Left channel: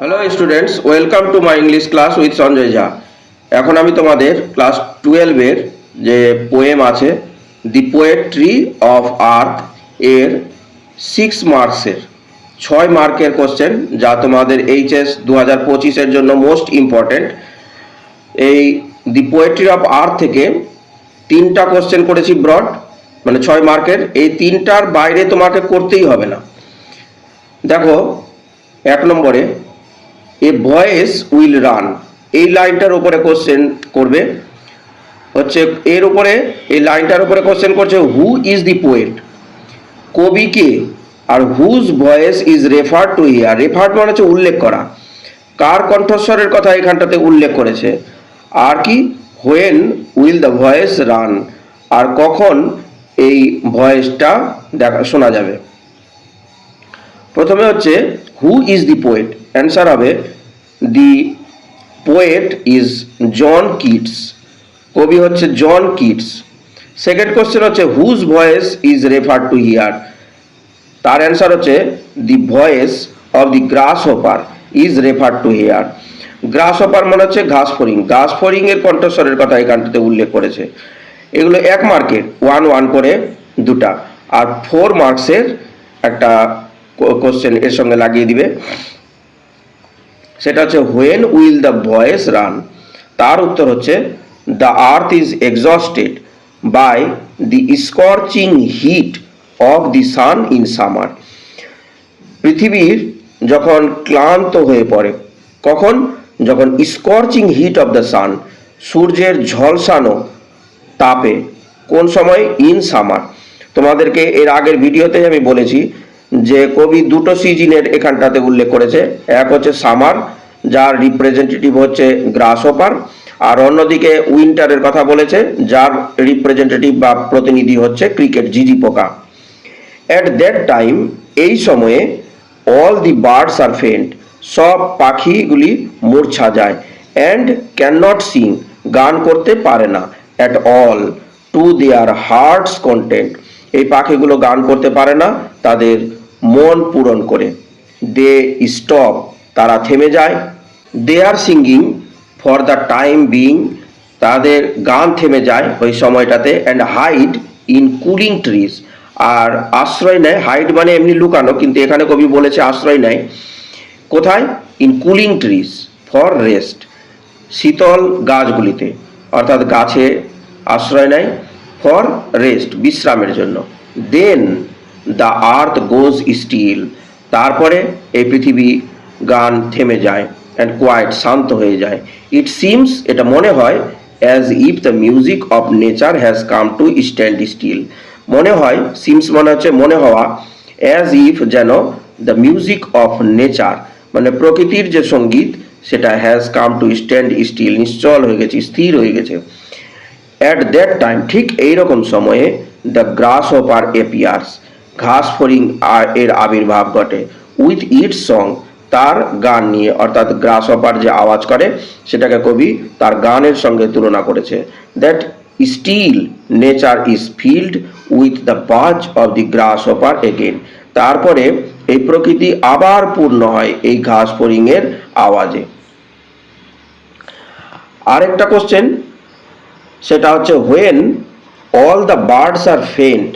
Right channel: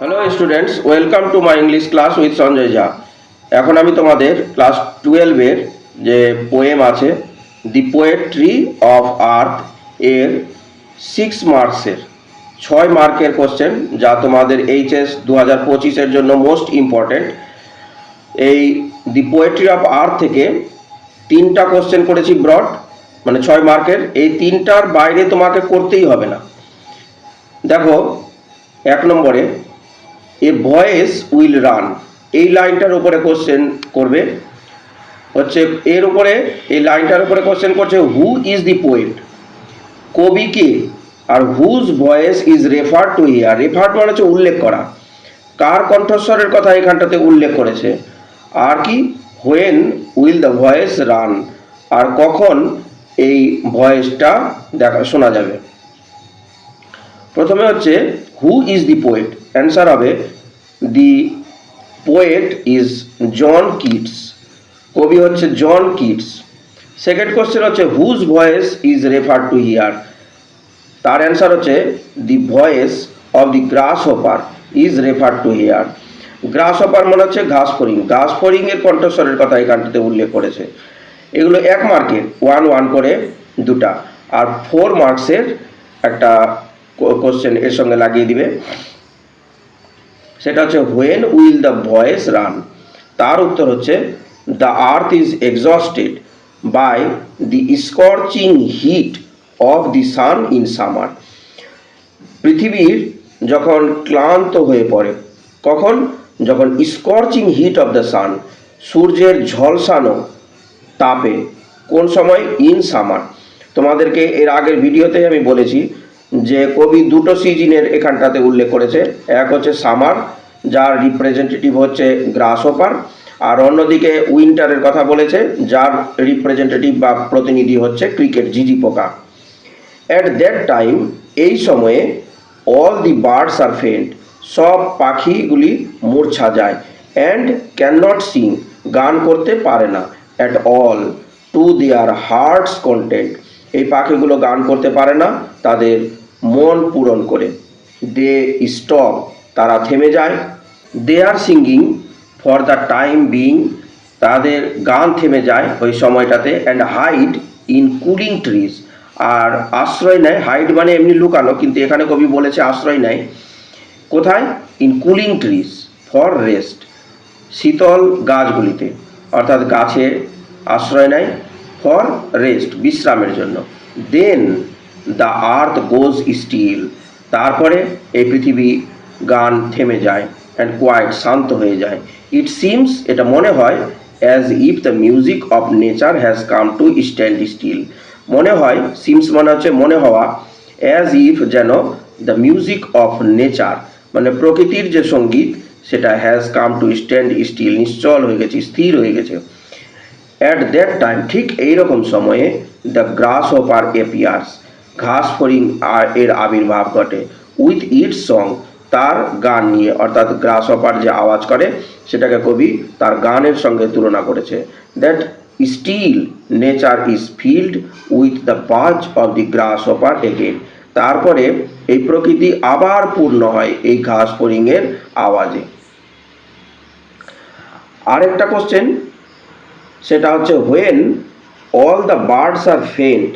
Hello students, welcome to my English class with Sanjay Jha. এখন আমি তোমাদের ক্লাস 12-এর যে পোয়েম আছে দি পোয়েট্রি অফ আর্থ এর 6 মার্কসের 6 মার্কের কোশ্চেন, যা তোমাদের এইচএস 2025-এর জন্য মোস্ট ইম্পর্টেন্ট। এই দি পোয়েট্রি অফ আর্থ থেকে 3টা কোশ্চেন করেছি ব্রড, মানে 6 মার্কের। এই 3টার বাইরে তোমাকে করতেই হবে না। দেখো, 1 নম্বরে এ ভয়েস উইল রান, এই লাইনটার উপরে কোশ্চেন করবে। হচ্ছে এর উপরে, এই লাইনটার উপরে কোশ্চেন করছে হু ইজ দি পোয়েট, কবি কে, আর whose voice is refer to here. Refer মানে হচ্ছে উল্লেখ করা, কার কণ্ঠস্বরের কথা এখানটাতে উল্লেখ করেছে। আর কি, when will the voice run, আর কখন এই ভয়েসটা শোনা যাবে। প্রথমে হচ্ছে who is the poet, answer হবে the poet is John Keats, কবি হচ্ছে জন কিটস। সেকেন্ড কোশ্চেন হচ্ছে whose voice is refer to here, তার অ্যান্সার হচ্ছে the voice of the grasshopper is refer to here. Grasshopper মানে হচ্ছে ঘাস ফড়িং, ঘাস ফড়িং এর কণ্ঠস্বরের কথা এখানটাতে উল্লেখ করেছে। এগুলো 1 মার্কের 1 করে 2টা, আর 4 মার্কসের একটা কোশ্চেন এর সঙ্গে লাগিয়ে দিবে। সেটা হচ্ছে when will the voice run, তার উত্তর হচ্ছে the earth is exhausted by the scorching heat of the sun in summer. পৃথিবীর যখন ক্লান্ত হয়ে পড়ে, কখন? যখন scorching heat of the sun, সূর্যের ঝলসানো তাপে। কোন সময়? In summer. তোমাদেরকে এর আগের ভিডিওতে আমি বলেছি যে কবি 2টো সিজনের এখানটাতে উল্লেখ করেছে। এক হচ্ছে সামার, যার রিপ্রেজেন্টেটিভ হচ্ছে গ্রাস হোপার, আর অন্যদিকে উইন্টারের কথা বলেছে, যার রিপ্রেজেন্টেটিভ বা প্রতিনিধি হচ্ছে ক্রিকেট, ঝিঝি পোকা। অ্যাট দ্যাট টাইম, এই সময়ে, অল দি বার্ডস আর ফেন্ট, সব পাখিগুলি মূর্ছা যায়। অ্যান্ড ক্যান নট সিং, গান করতে পারে না। At all, to their hearts content, এই পাখিগুলো গান করতে পারে না তাদের মন পূরণ করে। দে স্টপ, তারা থেমে যায়। They are singing for the time being, তাদের গান থেমে যায় ওই সময়টাতে। And hide in cooling trees, আর আশ্রয় নেয়। হাইড মানে এমনি লুকানো, কিন্তু এখানে কবি বলেছে আশ্রয় নেয় কোথায়? In cooling trees for rest, শীতল গাছগুলিতে, অর্থাৎ গাছে আশ্রয় নেয় ফর রেস্ট, বিশ্রামের জন্য। দেন দ্য আর্থ গোজ স্টিল, তারপরে এই পৃথিবী গান থেমে যায়। অ্যান্ড কোয়াইট, শান্ত হয়ে যায়। ইট সিমস, এটা মনে হয়, as if the music of nature has come to stand still. মনে হয়, সিমস মানে হচ্ছে মনে হওয়া, অ্যাজ ইফ যেন, দ্য মিউজিক অফ নেচার মানে প্রকৃতির যে সঙ্গীত, সেটা has come to stand still, নিশ্চল হয়ে গেছে, স্থির হয়ে গেছে। অ্যাট দ্যাট টাইম, ঠিক এইরকম সময়ে, দ্য গ্রাস হোপার এপিয়ার্স, ঘাস ফড়িং এর আবির্ভাব ঘটে। উইথ ইটস সং, তার গান নিয়ে, অর্থাৎ গ্রাস হোপার যে আওয়াজ করে সেটাকে কবি তার গানের সঙ্গে তুলনা করেছে। That still nature is filled with the buzz of the grasshopper again, তারপরে এই প্রকৃতি আবার পূর্ণ হয় এই ঘাস ফড়িং এর আওয়াজে। আরেকটা কোশ্চেন, সেটা হচ্ছে when all the birds are faint,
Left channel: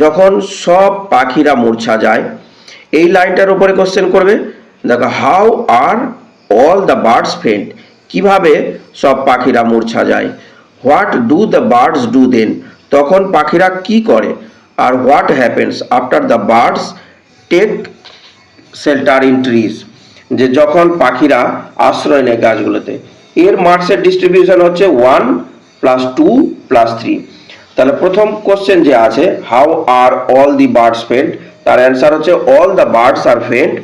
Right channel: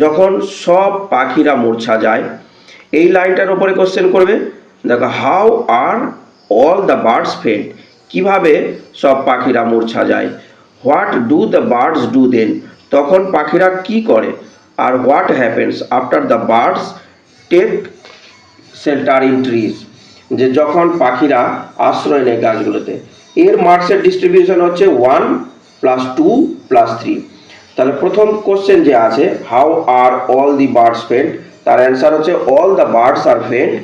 যখন সব পাখিরা মূর্ছা যায়। এই লাইনটার উপরে কোশ্চেন করবে। দেখো, how are all the birds faint, কিভাবে সব পাখিরা মূর্ছা যায়। What do the birds do then, তখন পাখিরা কি করে। আর what happens after the birds take shelter in trees, যে যখন পাখিরা আশ্রয় নেয় গাছগুলোতে। এর মার্কসের ডিস্ট্রিবিউশন হচ্ছে 1 + 2 + 3। তাহলে প্রথম কোশ্চেন যে আছে, how are all the birds faint, তার অ্যান্সার হচ্ছে all the birds are faint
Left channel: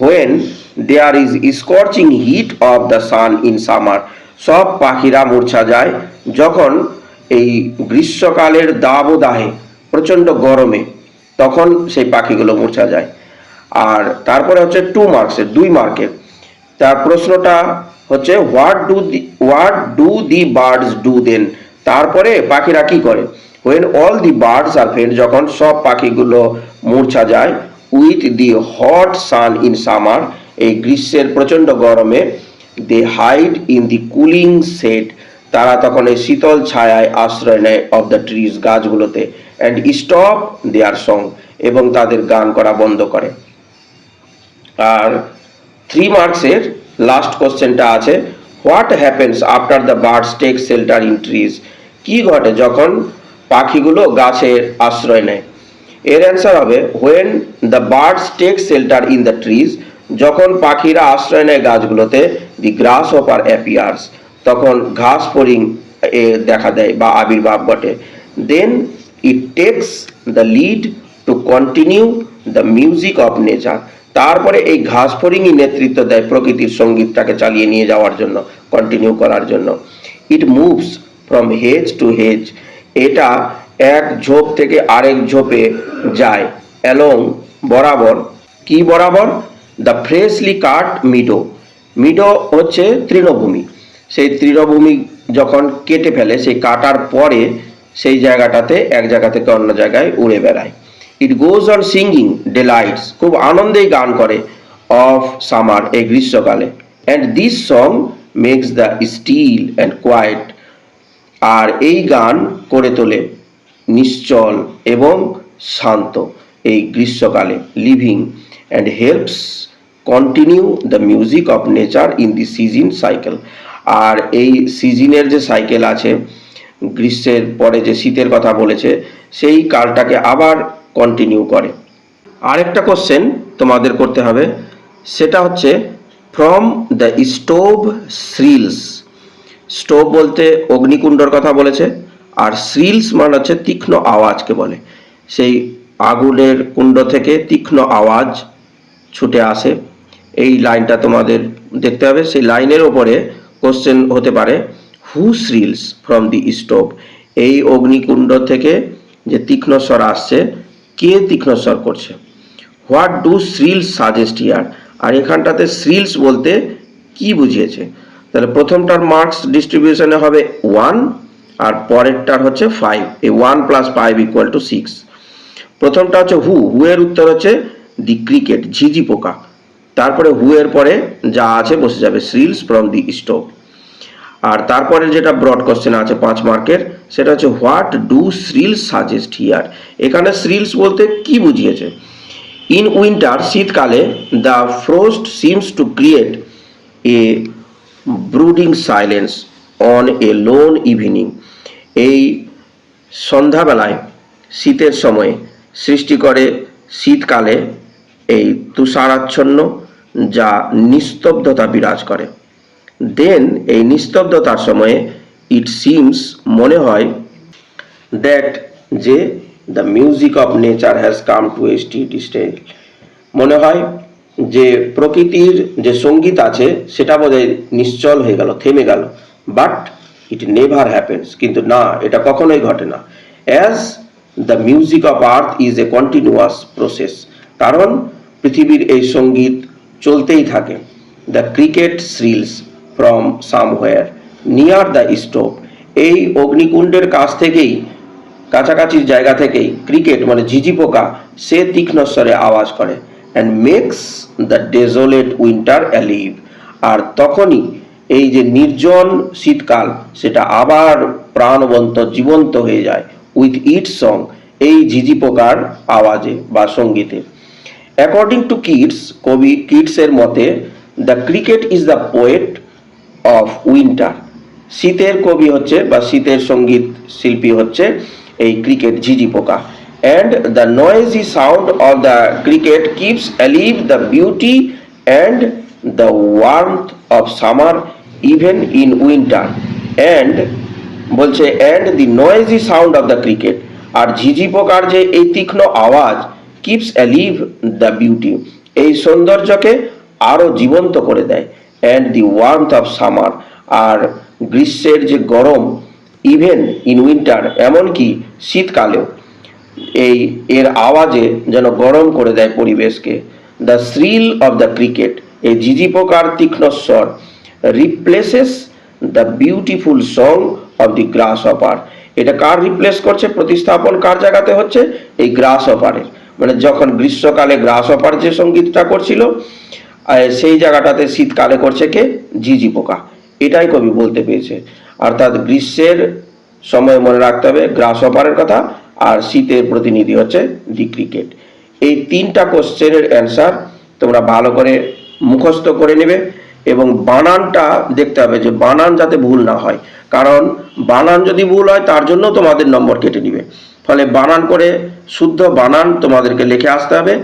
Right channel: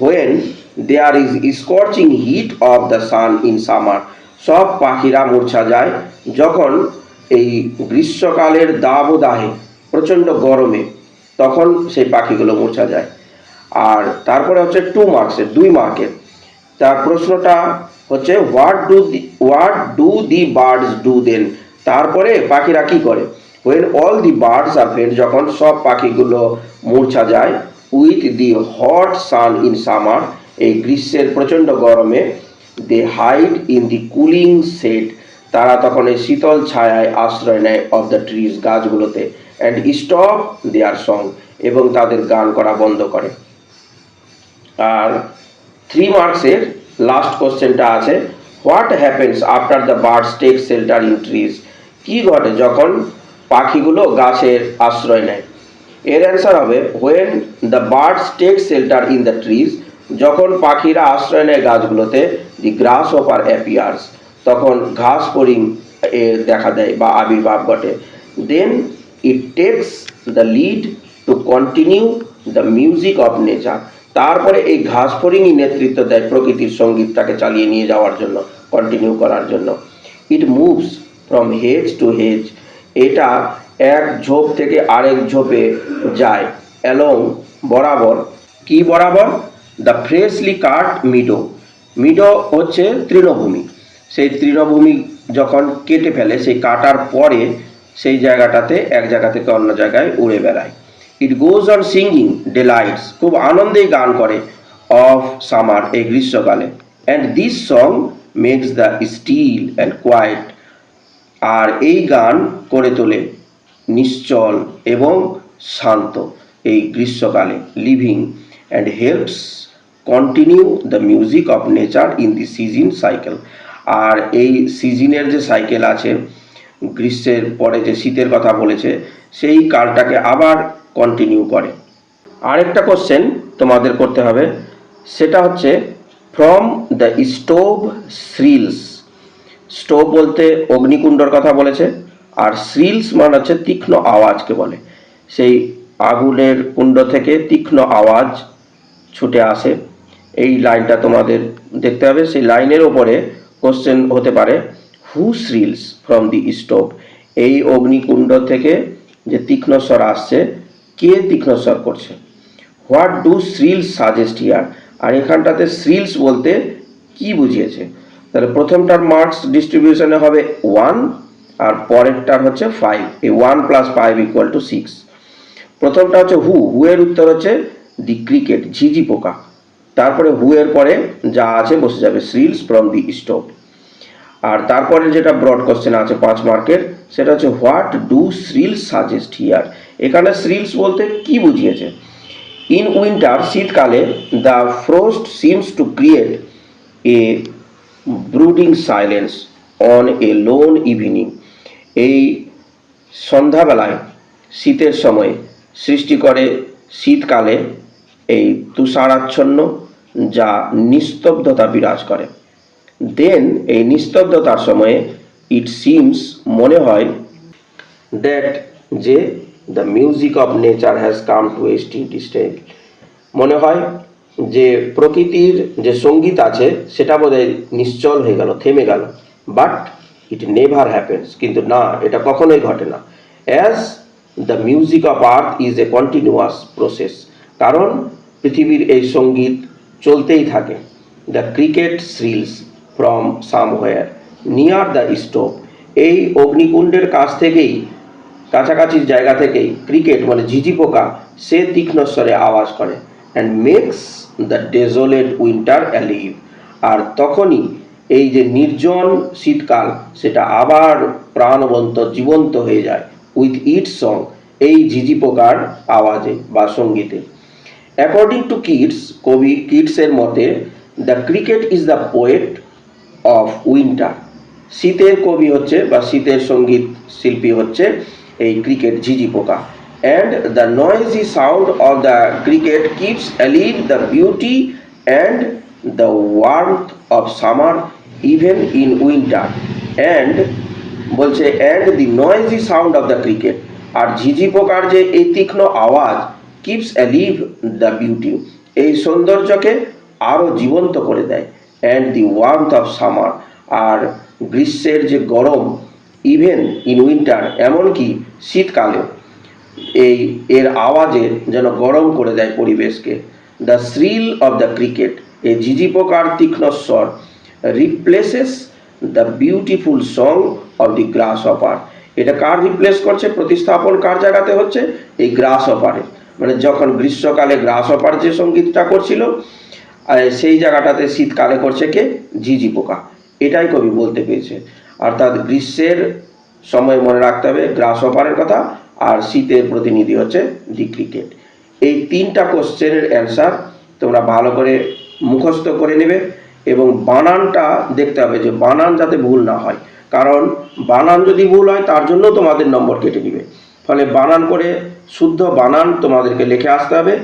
when there is scorching heat of the sun in summer, সব পাখিরা মূর্ছা যায় যখন এই গ্রীষ্মকালের দাবদাহে, প্রচণ্ড গরমে, তখন সেই পাখিগুলো মূর্ছা যায়। আর তারপরে হচ্ছে 2 মার্কসের 2 মার্কের তার প্রশ্নটা হচ্ছে what do the birds do then, তারপরে পাখিরা কি করে। when all the birds are faint, যখন সব পাখিগুলো মূর্ছা যায়, with the hot sun in summer, এই গ্রীষ্মের প্রচণ্ড গরমে, they hide in the cooling shade, তারা তখন এই শীতল ছায়ায় আশ্রয় নেয় of the trees, গাছগুলোতে, and stop their song, এবং তাদের গান করা বন্ধ করে। আর 3 মার্কসের লাস্ট কোশ্চেনটা আছে, what happens after the birds take shelter in trees, কি ঘটে যখন পাখিগুলো গাছের আশ্রয় নেয়। এর অ্যান্সার হবে when the birds take shelter in the trees, যখন পাখিরা আশ্রয় নেয় গাছগুলোতে, দি গ্রাস হপার অ্যাপিয়ার্স, তখন ঘাস ফড়িং দেখা দেয় বা আবির্ভাব ঘটে। Then it takes the lead to continue the music of nature, তারপরে এই ঘাস ফড়িংই নেতৃত্ব দেয় প্রকৃতির সঙ্গীতটাকে চালিয়ে নিয়ে যাওয়ার জন্য, কন্টিনিউ করার জন্য। It moves from hedge to hedge, এটা এক ঝোপ থেকে আরেক ঝোপে যায়, অ্যালং বরাবর, কি বরাবর, the freshly cut Meadow, Meadow হচ্ছে তৃণভূমি, সেই তৃণভূমি যখন কেটে ফেলে, সেই কাটার পরে সেই জায়গাটাতে এক জায়গা থেকে অন্য জায়গায় উড়ে বেড়ায়। ইট গোজ অন সিঙ্গিং ডেলাইটস, খুব আনন্দেই গান করে, অফ সামার, এই গ্রীষ্মকালে, and this song makes the still and quiet, আর এই গান করে তোলে নিশ্চল এবং শান্ত এই গ্রীষ্মকালে, living and helps continue the music of nature in the season cycle, আর এই সিজনের যে সাইকেল আছে, গ্রীষ্মের পরে যে শীতের কথা বলেছে, সেই কালটাকে আবার কন্টিনিউ করে। আরেকটা কোশ্চেন তোমাদের করতে হবে, সেটা হচ্ছে ফ্রম দ্য স্টোভ শ্রিলস, স্টোভ বলতে অগ্নিকুণ্ডর কথা বলেছে, আর শ্রিলস মানে হচ্ছে তীক্ষ্ণ আওয়াজকে বলে, সেই আগুনের কুণ্ড থেকে তীক্ষ্ণ আওয়াজ ছুটে আসে। এই লাইনটা তোমাদের দেখতে হবে, সেই লাইনের ওপরে কোশ্চেন হতে পারে হু শ্রিলস ফ্রম দি স্টোভ, এই অগ্নিকুণ্ড থেকে যে তীক্ষ্ণ স্বর আসছে, কে তীক্ষ্ণ স্বর করছে। হোয়াট ডু শ্রিলস সাজেস্ট হিয়ার, আর এখানটাতে শ্রিলস বলতে কি বুঝিয়েছে, তাহলে প্রথমটার মার্কস ডিস্ট্রিবিউশনে হবে 1, আর পরেরটার হচ্ছে 5, এই 1 + 5 = 6। প্রথমটা হচ্ছে হু, হু এর উত্তর হচ্ছে দি ক্রিকেট, ঝিঝি পোকা, তারপরে হু এর পরে যা আছে বসে যাবে শ্রিলস ফ্রম দি স্টোভ। আর তারপরে যেটা ব্রড কোশ্চেন আছে 5 মার্কের, সেটা হচ্ছে হোয়াট ডু শ্রিলস সাজেস্ট হিয়ার, এখানে শ্রিলস বলতে কি বুঝিয়েছে। ইন উইন্টার, শীতকালে, the frost seems to create a brooding silence on a loan evening, এই সন্ধ্যাবেলায় শীতের সময় সৃষ্টি করে শীতকালে এই তুষারাচ্ছন্ন যা নিস্তব্ধতা বিরাজ করে। দেন এই নিস্তব্ধতার সময়ে ইট সিমস, মনে হয়, দ্যাট যে the music of nature has come to a steady state, মনে হয় যে প্রকৃতির যে সঙ্গীত আছে সেটা বোধহয় নিশ্চল হয়ে গেল, থেমে গেল। বাট ইট নেভার হ্যাপেন্স, কিন্তু না, এটা কখনোই ঘটে না। As the music of earth is a continuous process, কারণ পৃথিবীর এই সঙ্গীত চলতেই থাকে। The cricket shrills from somewhere near the stove, এই অগ্নিকুণ্ডের কাছ থেকেই, কাছাকাছি জায়গা থেকেই ক্রিকেট মানে ঝিঝি পোকা সে তীক্ষ্ণ স্বরে আওয়াজ করে, and makes the desolate winter alive, আর তখনই এই যে নির্জন শীতকাল সেটা আবার প্রাণবন্ত, জীবন্ত হয়ে যায়, উইথ ইট সং, এই ঝিঝি পোকার আওয়াজে বা সঙ্গীতে। অ্যাকর্ডিং টু কিটস, কবি কিটসের মতে, the cricket is the poet of winter, শীতের কবি হচ্ছে বা শীতের সঙ্গীত শিল্পী হচ্ছে এই ক্রিকেট, ঝিঝি পোকা। And the noisy sound of the cricket keeps alive the beauty and the warmth of summer even in winter, and বলছে and the noisy sound of the cricket, আর ঝিঝি পোকার যে এই তীক্ষ্ণ আওয়াজ, কিপস অ্যালিভ দ্য বিউটি, এই সৌন্দর্যকে আরো জীবন্ত করে দেয়, and the warmth of summer, আর গ্রীষ্মের যে গরম, ইভেন ইন উইন্টার, এমনকি শীতকালেও এই এর আওয়াজে যেন গরম করে দেয় পরিবেশকে। The shrill of the cricket, এই ঝিঝি পোকার তীক্ষ্ণ স্বর, replaces the beautiful song of the glass hopper, এটা কার রিপ্লেস করছে, প্রতিস্থাপন কার জায়গাতে হচ্ছে, এই গ্রাস হপারের। মানে যখন গ্রীষ্মকালে গ্রাস হপার যে সঙ্গীতটা করছিল, সেই জায়গাটাতে শীতকালে করছে কে, ঝিঝি পোকা। এটাই কবি বলতে পেরেছে। অর্থাৎ গ্রীষ্মের সময় মনে রাখতে হবে গ্রাস হপারের কথা, আর শীতের প্রতিনিধি হচ্ছে দি ক্রিকেট। এই তিনটা কোশ্চেনের অ্যান্সার তোমরা ভালো করে মুখস্থ করে নেবে, এবং বানানটা দেখতে হবে যে বানান যাতে ভুল না হয়, কারণ বানান যদি ভুল হয় তার জন্য তোমাদের নম্বর কেটে নিবে। ফলে বানান করে শুদ্ধ বানান তোমাদেরকে লিখে আসতে হবে।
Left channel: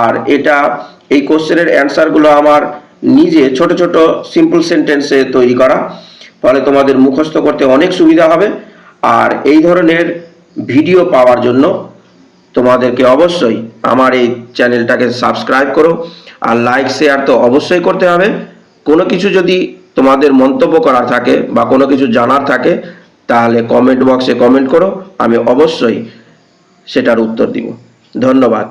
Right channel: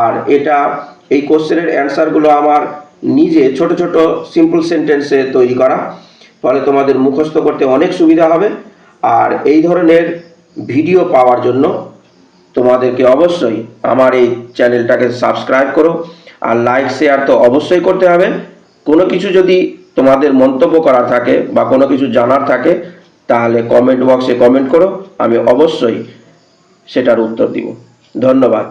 আর এটা এই কোশ্চেনের অ্যান্সারগুলো আমার নিজে ছোট ছোট সিম্পল সেন্টেন্সে তৈরি করা, ফলে তোমাদের মুখস্থ করতে অনেক সুবিধা হবে। আর এই ধরনের ভিডিও পাওয়ার জন্য তোমাদেরকে অবশ্যই আমার এই চ্যানেলটাকে সাবস্ক্রাইব করো, আর লাইক শেয়ার তো অবশ্যই করতে হবে। কোনো কিছু যদি তোমাদের মন্তব্য করার থাকে বা কোনো কিছু জানার থাকে, তাহলে কমেন্ট বক্সে কমেন্ট করো, আমি অবশ্যই সেটার উত্তর দিব। ধন্যবাদ।